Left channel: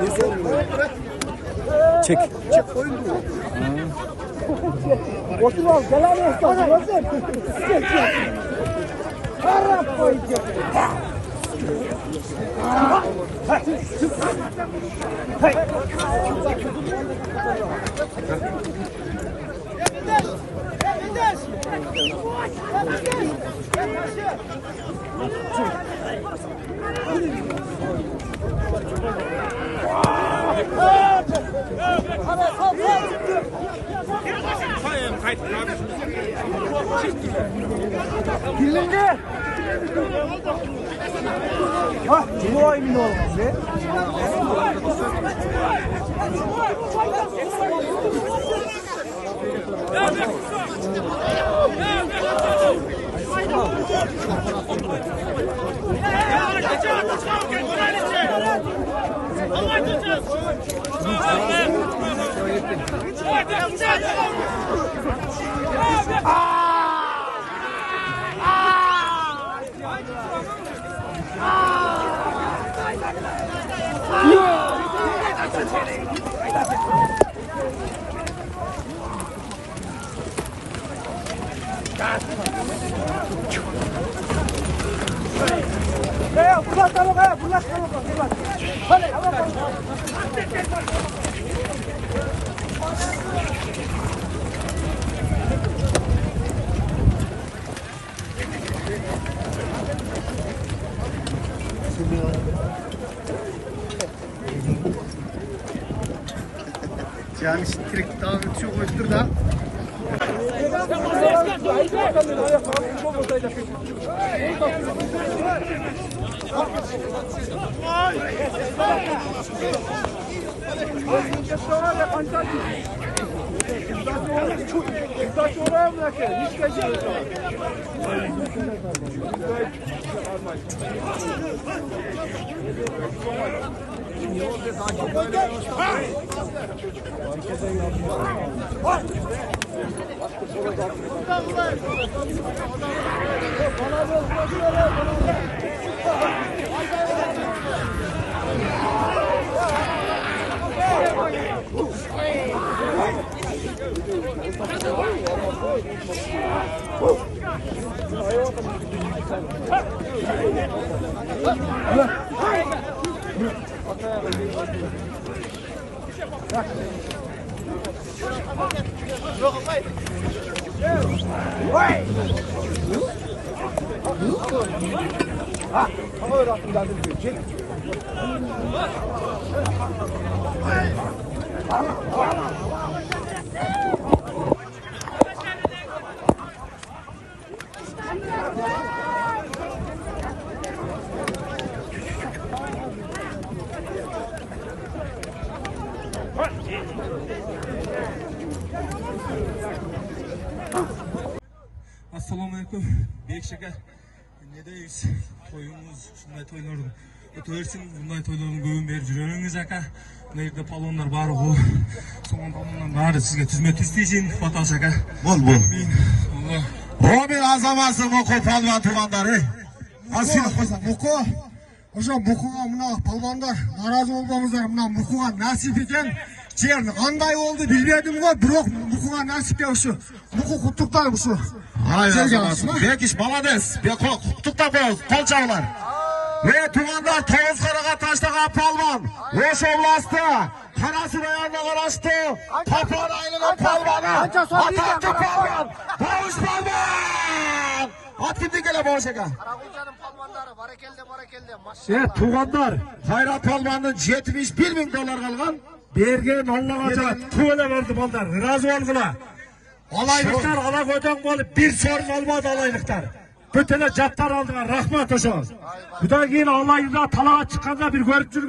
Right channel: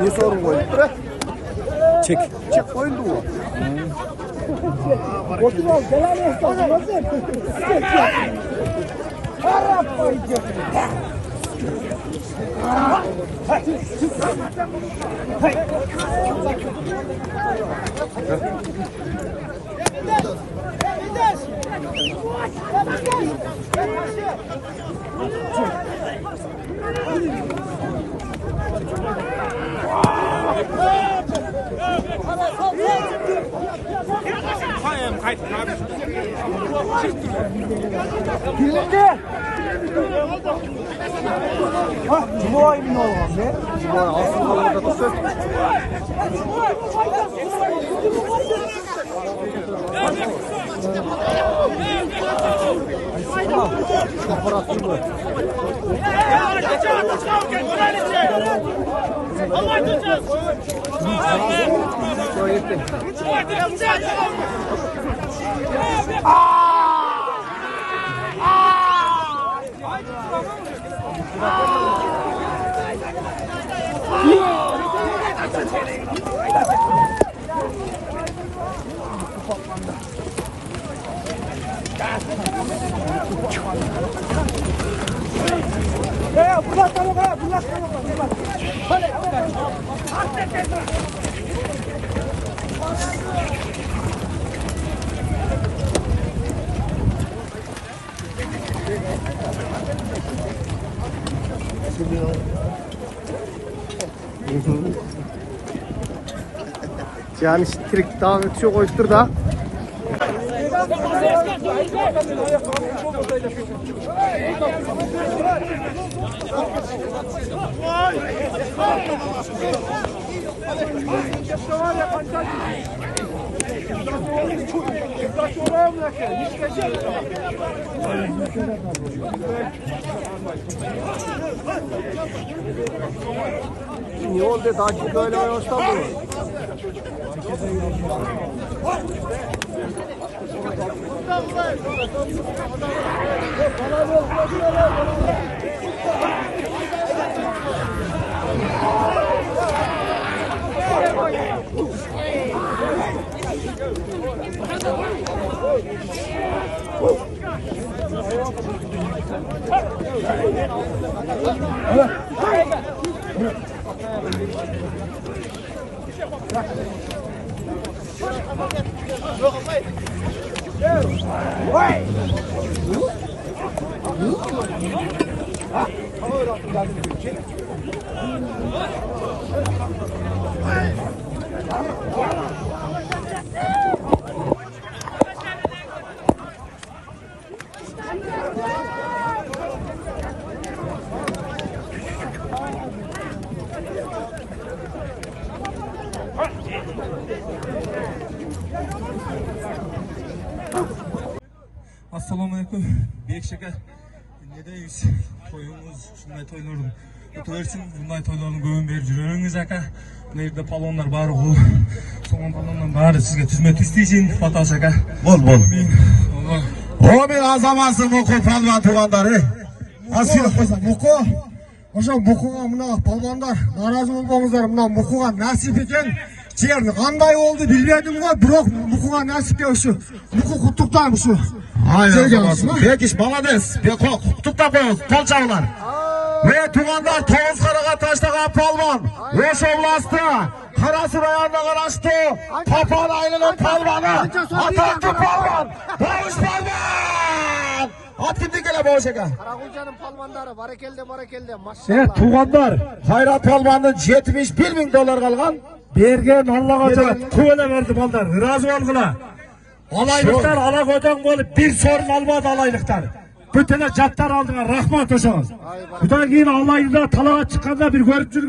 Ne sorun var? Çek. Çek koyun mu? Otur al, gelen olsun, nasıl? Yani trik devam ediyor koydur da. Ne oldu? Takip böyle başladı. Assalamualaikum. Bek şeker. Nedeyiz? Toyumuz, şunday toylarım. Ötüversin, bunday toylarını göğün berip жүрөңүз aka. Мына жерде палондар бары бул. Сонун палондун баары сизге түзмөт иштейсин, Баташ aka. Бол. Allah. О, мен азаматсың мұқы палуан туғандары. Асыл қойса, мұқы. Ошо мұқыға мына палуандар наразы болбоңуздар, мына мұқыға насип екен. Силер кандай болду билбедим го, бирок мұқыға насипке ушу. Мұқы куттуктайм ушу. Ай, азаматсың. Бекис, молодец. Беко, куттуктап коюңуз, кол чабыңар. Туғандар тоғыз қараға таштаған палуан. Ош областы, Қарасу районына қарасты, Тапал айылының палуаны. Атақты палуан, Бауыш палуан. Ат кімде келе Бауыш еке? Қарақұлжаның палмандары, барекелде, машалла. Туғандар, Қайрат палуанның $71.000 қалған. Берген Аллаға туғана берді балдар. Разы болғыла. Алайлықтар ала көтен болып bir сорын алмады алайлықтар. Бүтіне жаттар алдыңа рахмат ошоңуз. Бұдан кейін Алайда талаға шыққанда бір көріп жүрген